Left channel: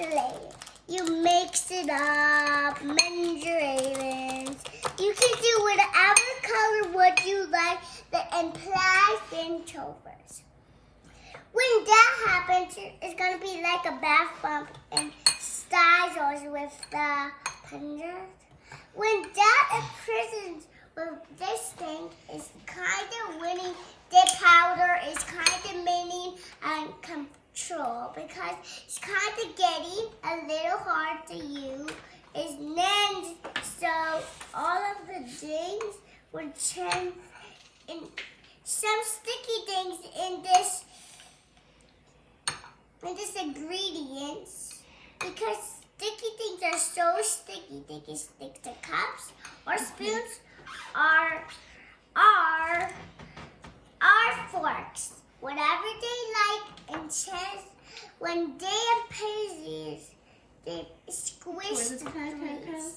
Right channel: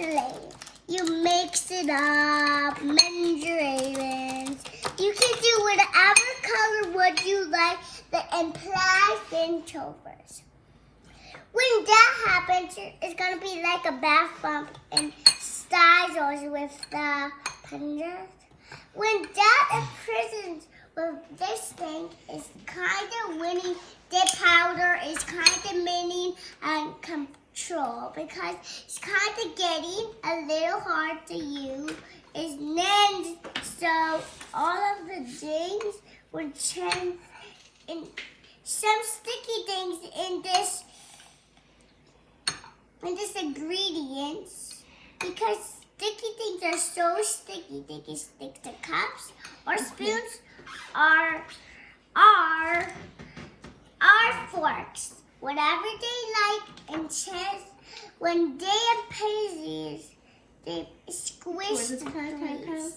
later. You mix it up, mandarins. You can do whatever color wood you like and play in chauffeurs. When that happens, it's going to be like a bath bump and styles with the pendant. When that imprisons with this thing, it's kind of winning. The powder is kind of meaning and control because it's kind of getting a little hard to use. It's then so all of the things would change in some sticky things in this ingredients because sticky things are so sticky they can stick to cups or spoons or forks, whatever they like, and chance when they appear, they squish the grease.